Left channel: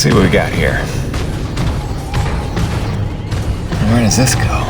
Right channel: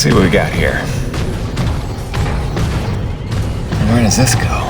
see what we got here. Where does this go?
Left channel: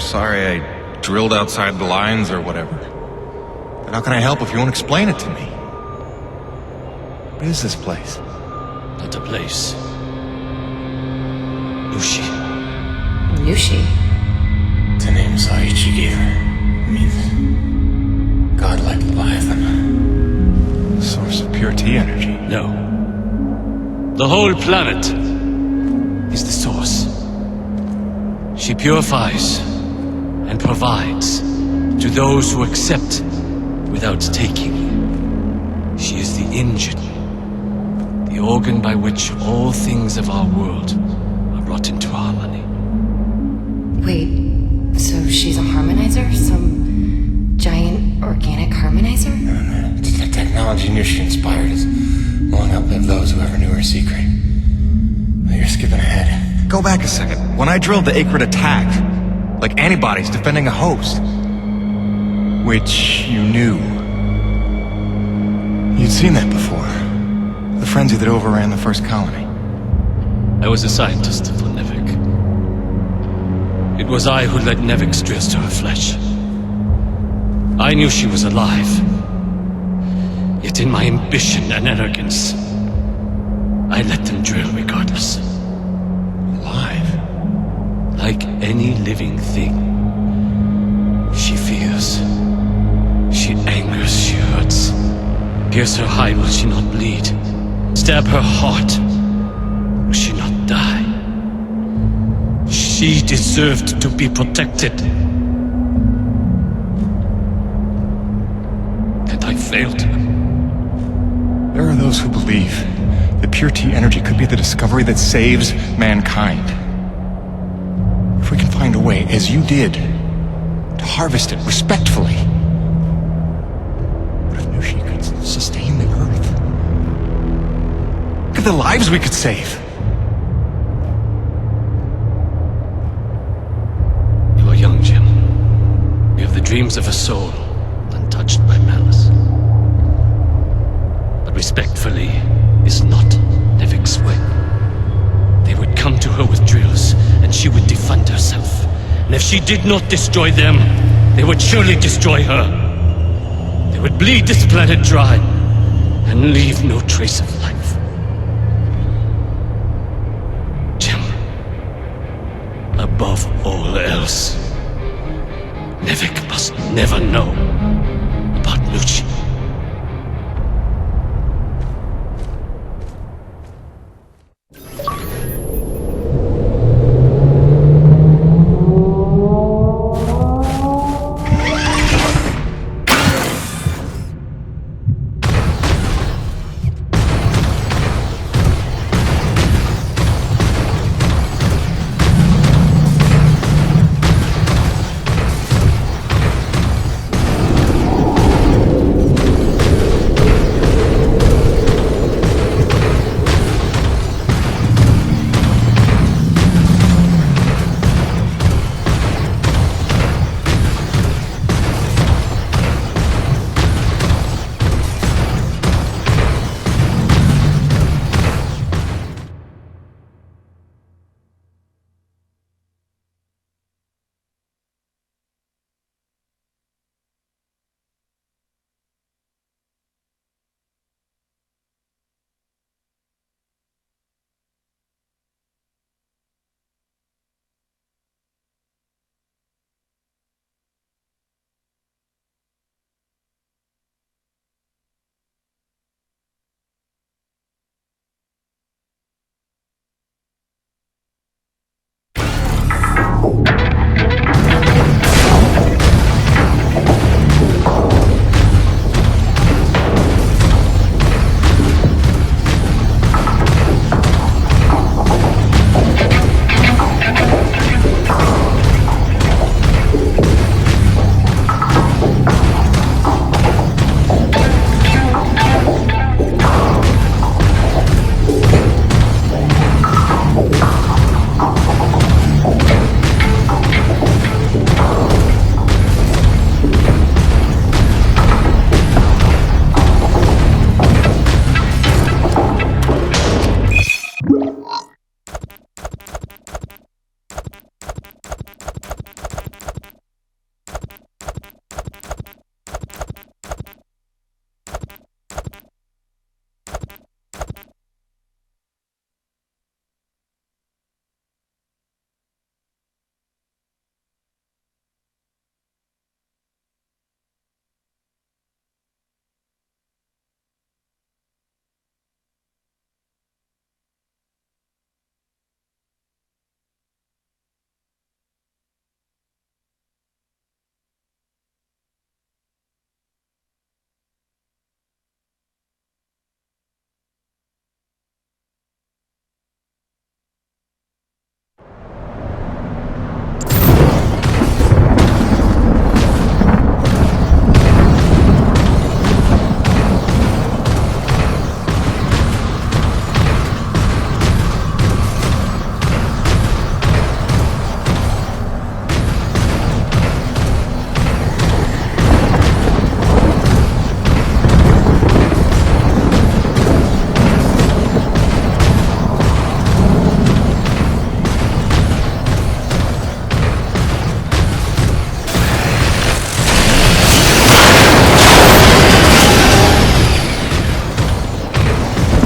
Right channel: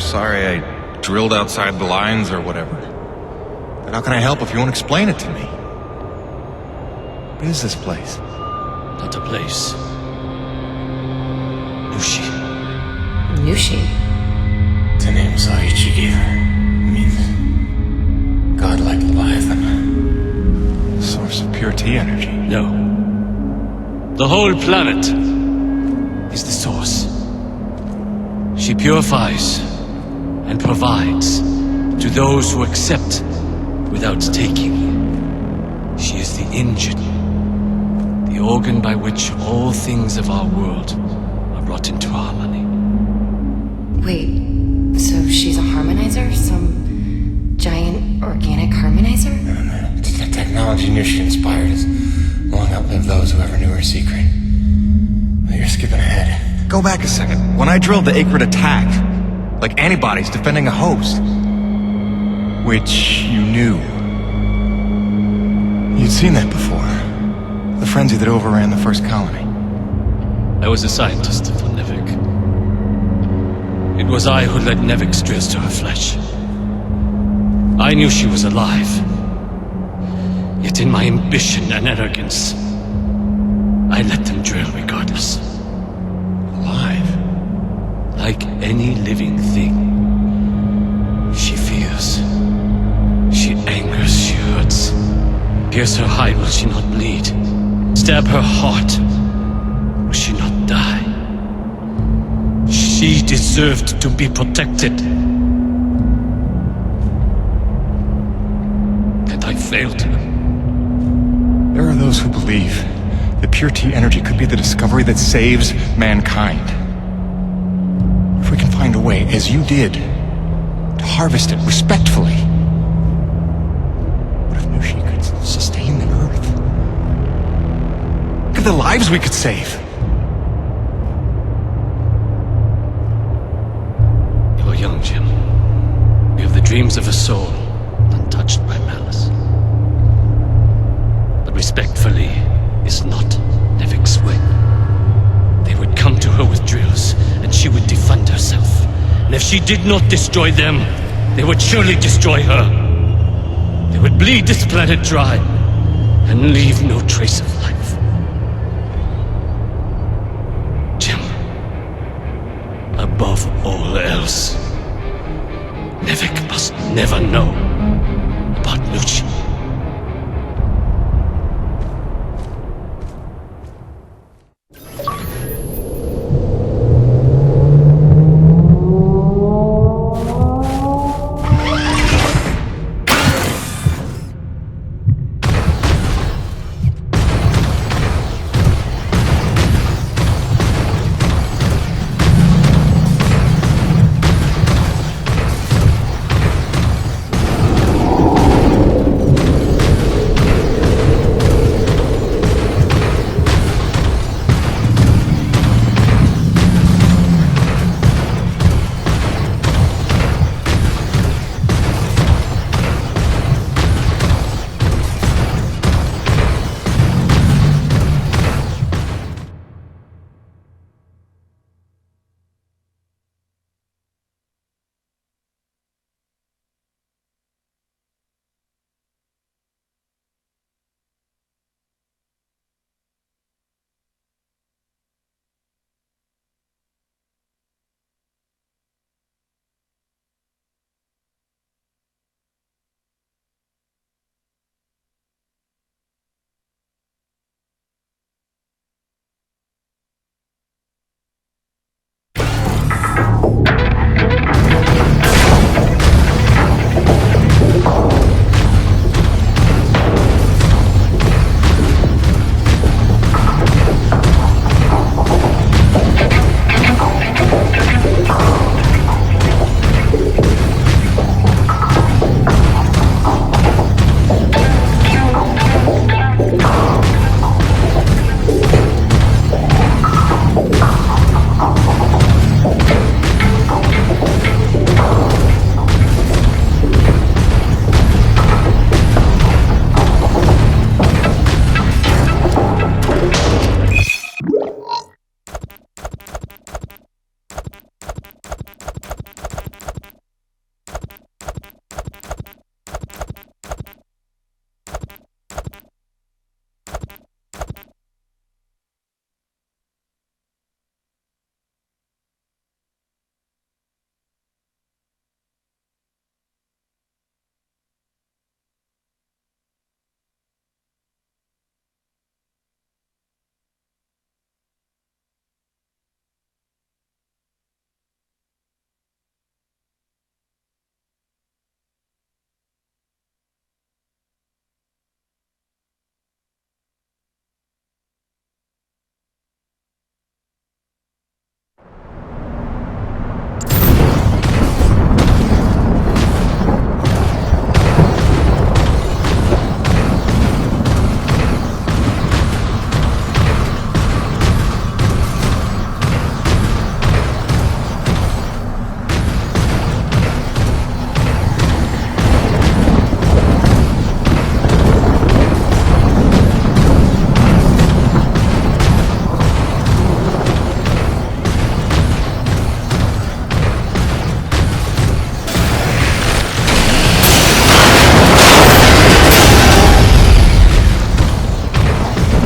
Sorry I drilled outside the lines or whatever. But how can I help if you won't explain it to me? What is this place? Not a place. Nushi. Nushi? It's a name Saichi gave her. It means godlike Leviathan. Source of pure T energy. No. The whole planet is the source. She purifies and provides to those who accept without taking. She is the engine, the organ by which all things of our world are brought into harmony. Wait, so she's a harmonizer? Some giant organic harmonizer? No. The technology Nushi inspired has long outlived those who ever knew her secret. But you're skipping ahead. Go back a second. When I drilled the Acrid attack, like antibodies defending a host, which you knew. You'd seen that before. The frenzy that overran the first colony. I was a scientist for Nevik. It was I who led Nevik's drills to her flesh. I knew she was alive. Yet in my ambition and arrogance, I let them drill regardless. Alive? Like any living thing. She fears. She angers, she hurts. Pierce her hide, will she not bleed? Stab her heart, will she not die? She deserved to be protected. And I failed her. There are those who believe that pure T energy could be the discovery that saves mankind. If we can find a way, as you did, to harvest it respectfully. What if Nushi could sustain the Earth? Look at the lives we could save. You are young, Jim. You have the dreams of a soul, untouched by malice. But respectfully is not Nevik's way. They would come to her with drills, and she would defend herself. And if she did not destroy them, they would surely destroy her. They would bleed this planet dry, and leave no trace of life. Jim, above all else, Nevik must never know about Nucci.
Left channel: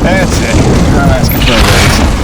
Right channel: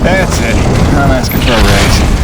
That's it. I'm asking for a raise.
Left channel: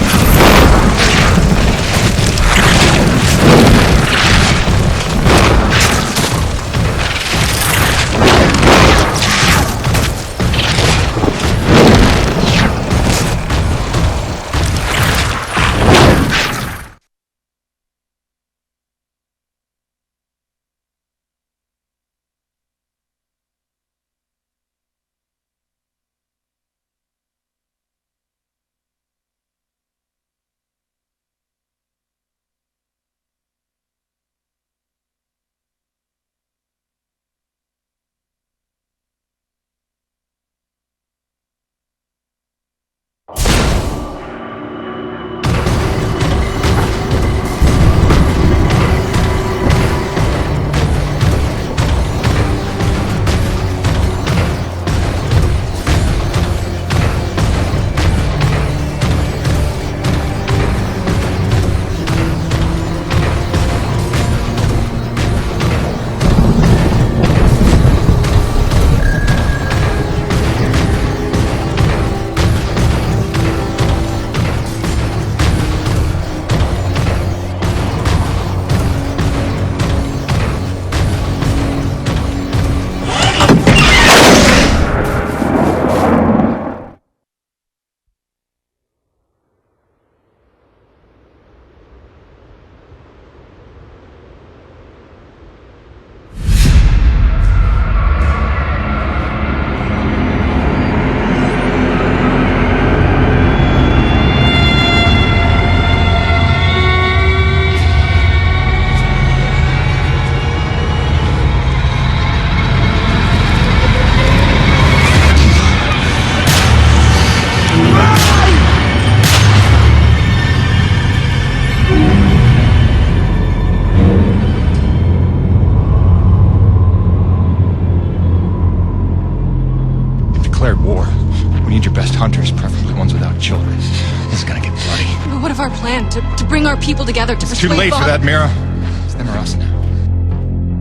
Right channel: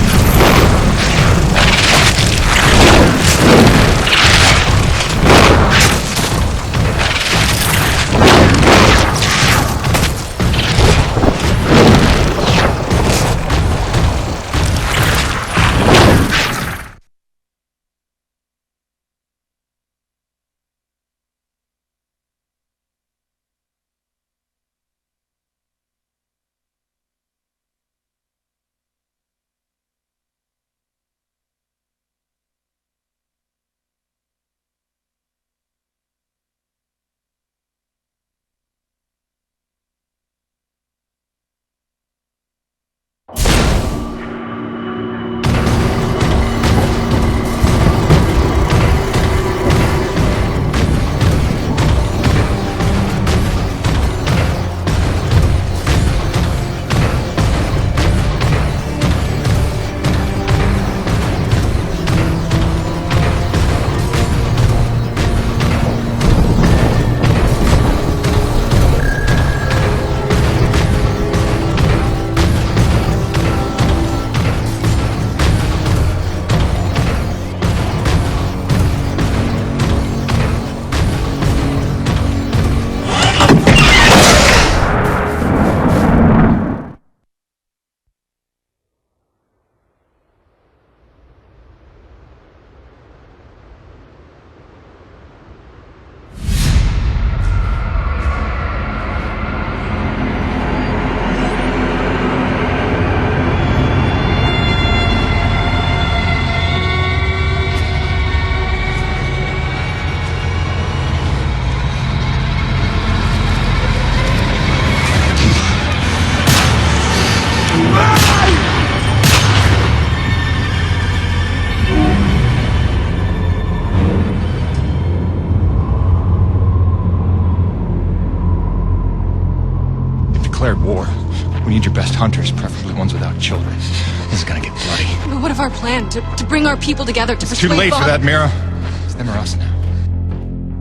before. We need your best hunters, preferably ones without children. This is gonna get bloody. But what if our plan to bring our people together to It's too persuade late for Bob- that, Mira. It's them or us now.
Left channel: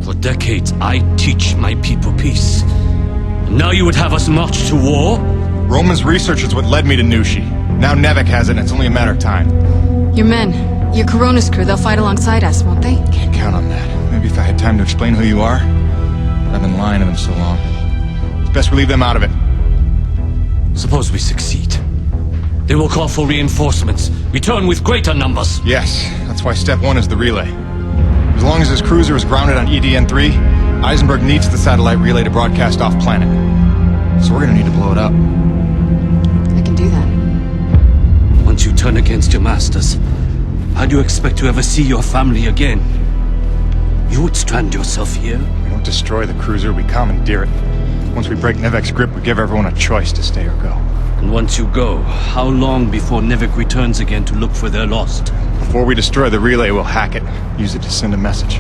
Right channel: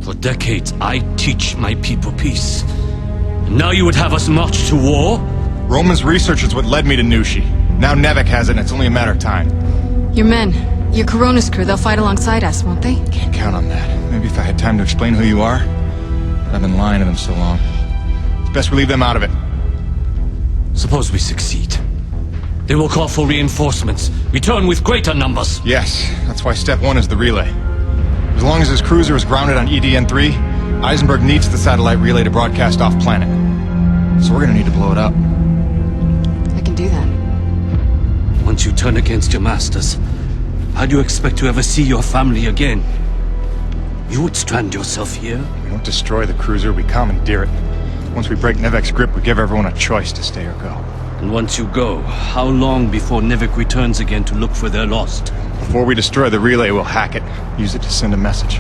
For decades, I teach my people peace. And now you would have us march to war? Roman's research is what led me to Nushi. Now Nevek has it, and it's only a matter of time. Your men, your Coronas crew, they'll fight alongside us, won't they? Can't count on that. Maybe if I had time to explain who you are. But I've been lying to them so long. It's best we leave them out of it. Suppose we succeed. They will call for reinforcements. Return with greater numbers. Yes, that's why step one is the relay. As long as his cruiser is grounded on EDN-3, Eisenberg needs the satellite relay to broadcast off-planet. So we're gonna need to blow it up. I can do that. Once you turn against your masters, how do you expect to ever see your family again? You would strand yourself here? We don't destroy the cruiser, we commandeer it. Once we break Nevek's grip, we give everyone a choice to stay or go. And once you go, how long before Nevek returns again to look for their lost? Before we destroy the relay, we'll hack it. Use it to send a message.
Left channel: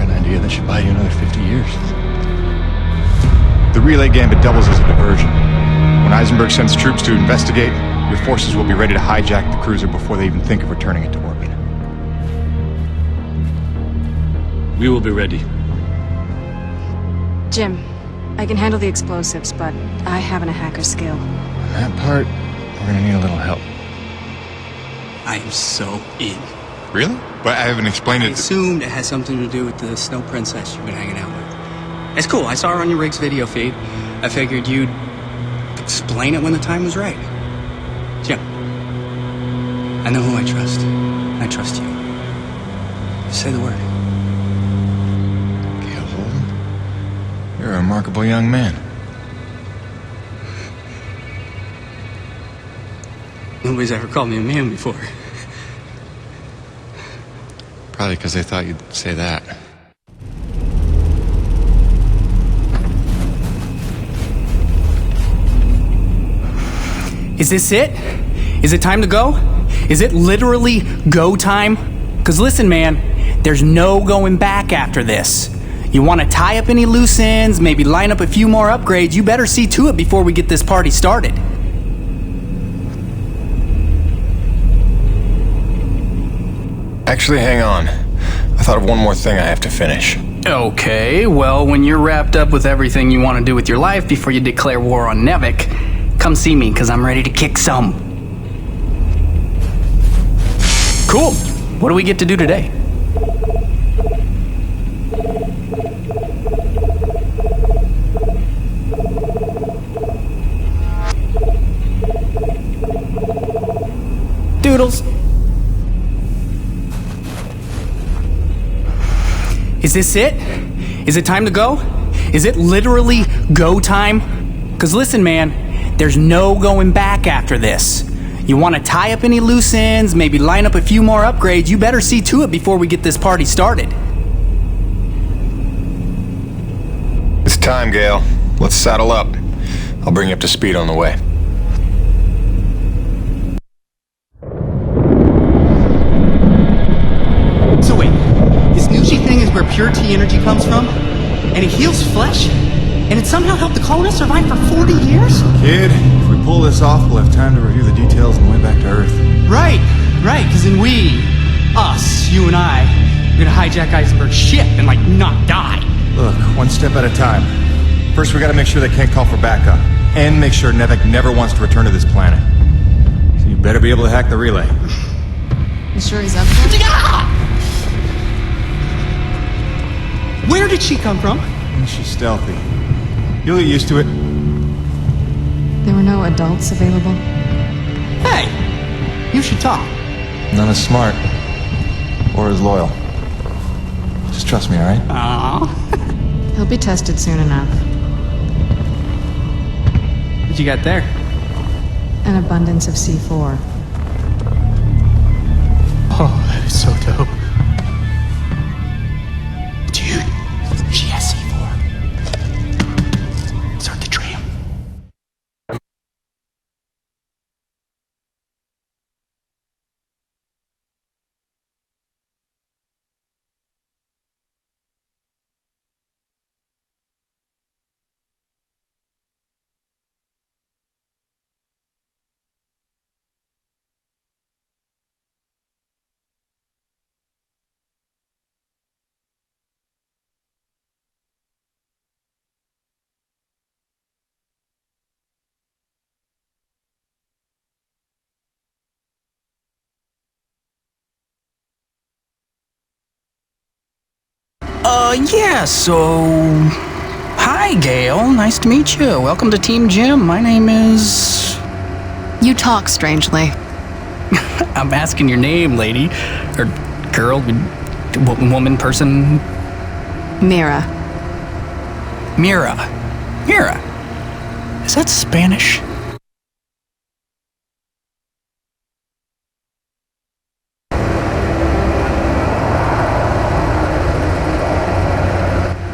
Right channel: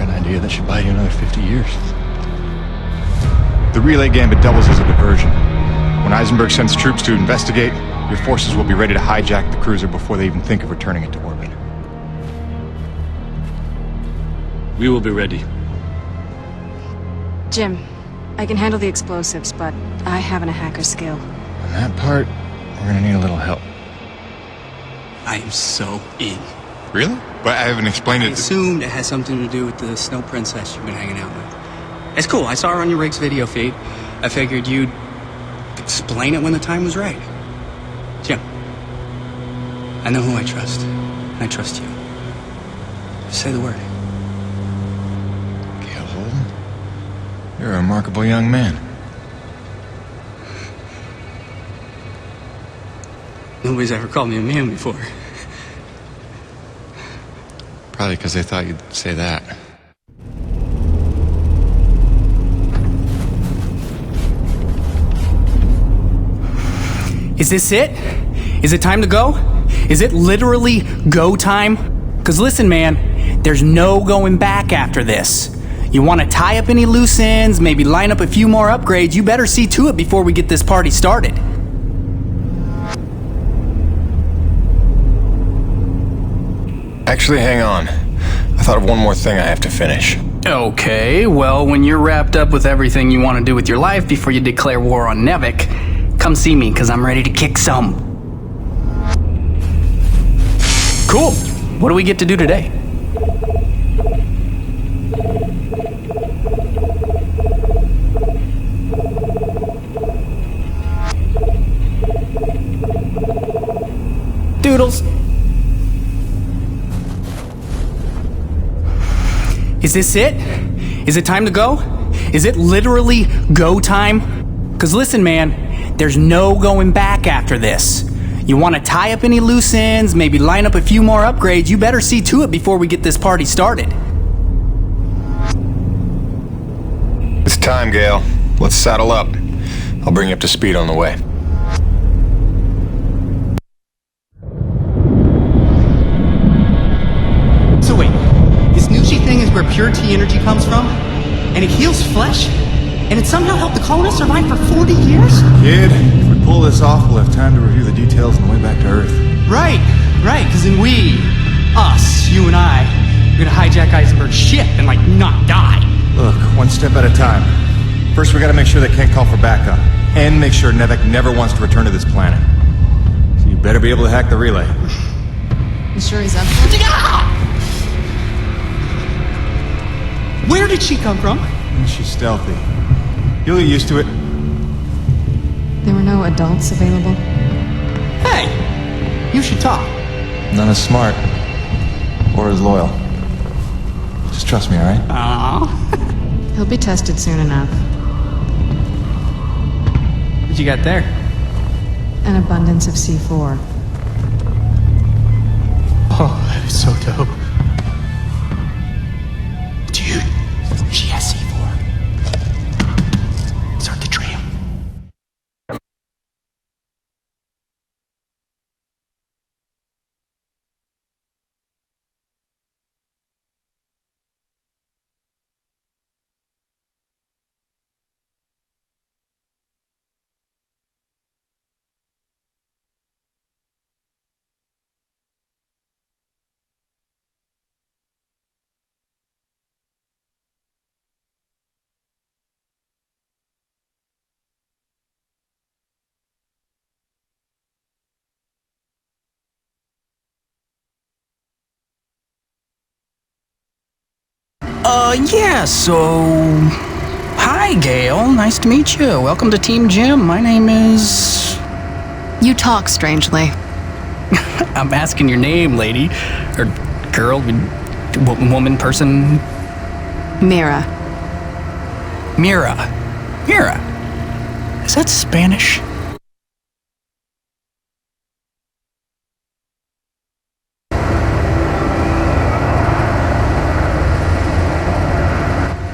An idea that should buy you another 50 years. The relay gambit doubles as a diversion. When Eisenberg sends troops to investigate, your forces will be ready to hijack the cruiser before they even think of returning it to orbit. We will be ready. Jim, I can handle the explosives, but I haven't a hacker skill. On that part, we're gonna need a little help. I am so in. Really? But I haven't explained I it. assumed it has something to do with the snow princess you've been hanging out with. It's cool. I saw her on your Riggs video feed. I figured you'd explain it when the time was right. Jim, I know who I trust. And I trust you. Just say the word. Gail Holden? You're a remarkable young man. Nobody's ever called me a man before. Probably because they thought you'd say that. Is this it? Is it time to go? Is it literally go time? Because listen, man, there's no going back after this. You want to tie up any loose ends, maybe line up a few more upgrades, you better see to it before we get this party started. Actually, hang on. I thought of one more thing I have to finish. Okay, well, when you're wrapped up with everything you want to do with your life before you declare war on Nevek, come see me, because I'm ready to kick some. Cool. What do we get to do today? Doodles. Is this it? Is it time to go? Is it literally go time? Because listen, man, there's no going back after this. You want to tie up any loose ends, maybe line up a few more upgrades, you better see to it before we get this party started. It's time, Gale. Let's saddle up. I'll bring you up to speed on the way. So wait, this Nushi thing is where pure T energy comes from? And it heals flesh? And it somehow helped the colonists survive for 40 years? Kid, if we pull this off, we'll have time to review the details on the way back to Earth. Right, because then us, you and I, are gonna hijack Eisenberg's ship and, not die. Look, one step at a time. First, we gotta make sure they can't call for backup. And make sure Nevek never wants to return to this planet. So you better be able to hack the relay. You sure he's up for it? Where did she come from? She's stealthy. You'll get used to it. There were no adults available. Hey, you should talk. None as smart. Or as loyal. Just trust me, alright? Aww. He'll be tested soon enough. What you got there? An abundance of C4. Oh, that is so dope. Dude, she has C4. Start the tram. Yeah, so... Hi, Gail. Nice to meet you. Welcome to Team Jim. My name is... You talk strangely. I'm asking your name, lady. Or girl, woman, person... Mira. Mira. Mira. Is that Spanish?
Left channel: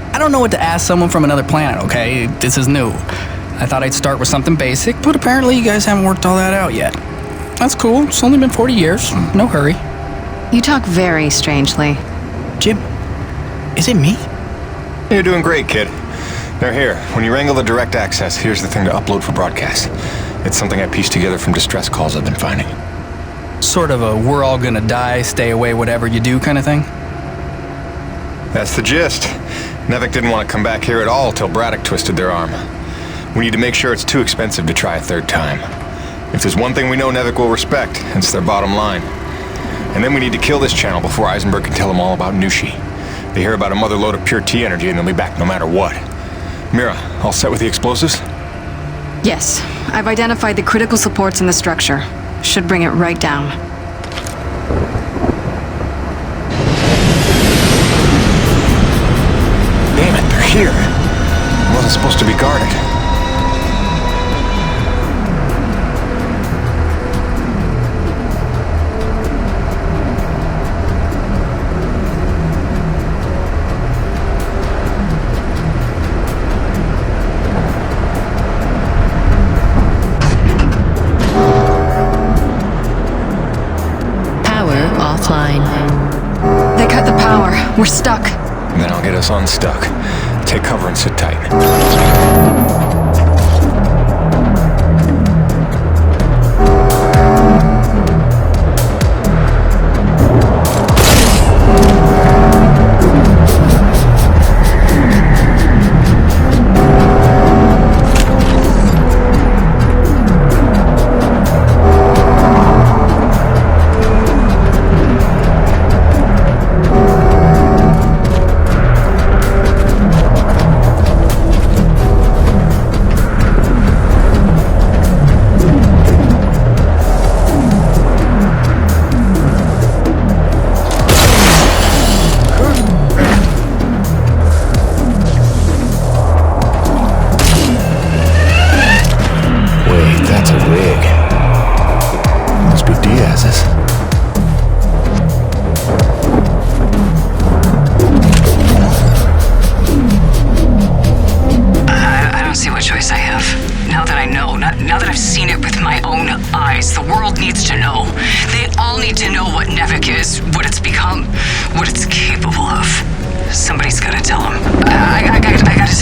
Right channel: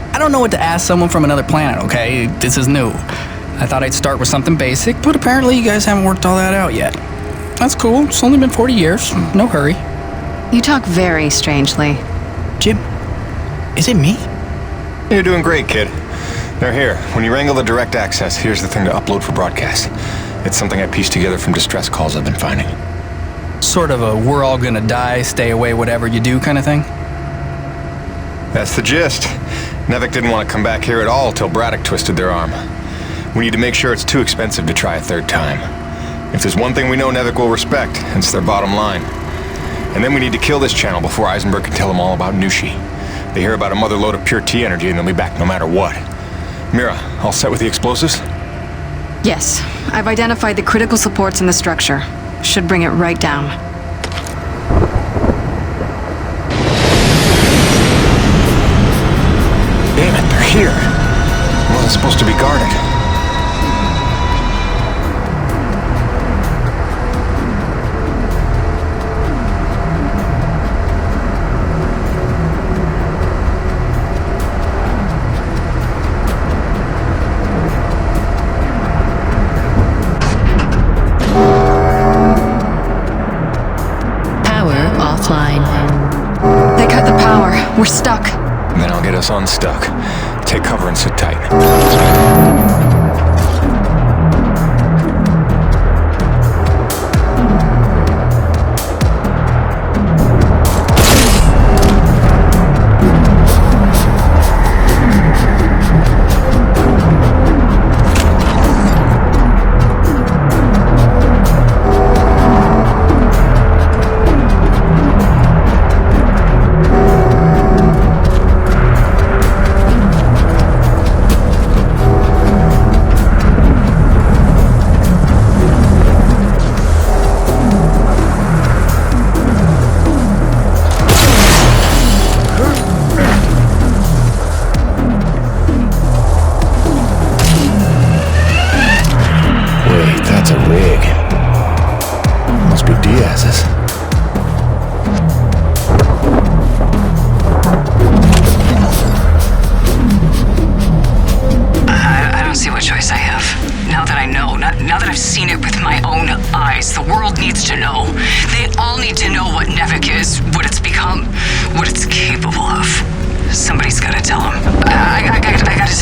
I don't know what to ask someone from another planet, okay? This is new. I thought I'd start with something basic, but apparently you guys haven't worked all that out yet. That's cool. It's only been 40 years. No hurry. You talk very strangely. Jim, is it me? You're doing great, kid. Now here, when you wrangle the direct access, here's the thing to upload for broadcast. It's something I pieced together from distress calls I've been finding. Sort of a we're all gonna die, stay away, whatever you do kind of thing? That's the gist. Nevik didn't want to come back here at all till Braddock twisted their arm. We need to make sure it's too expensive to try a third time. If there's one thing we know Nevik will respect, it's their bottom line. And then we need to kill this channel before Eisenberg can tell them all about Nushi. They hear about a mother load of pure T energy and they'll be back no matter what. Mira, all set with the explosives? Yes, I've identified the critical supports in the structure. Should bring it right down. Damn it, they're here. It wasn't supposed to be guarded. Power offline. They cut the power. We're stuck. Then I'll get us unstuck. Take cover and sit tight. Wait, that's a rig. Must be Diaz's. I don't see what choice I have. Now that I know, now that I've seen it with my own eyes, the world needs to know. They all need to know what Nevik is, what it's become, what it's capable of. Somebody's gotta tell them. I gotta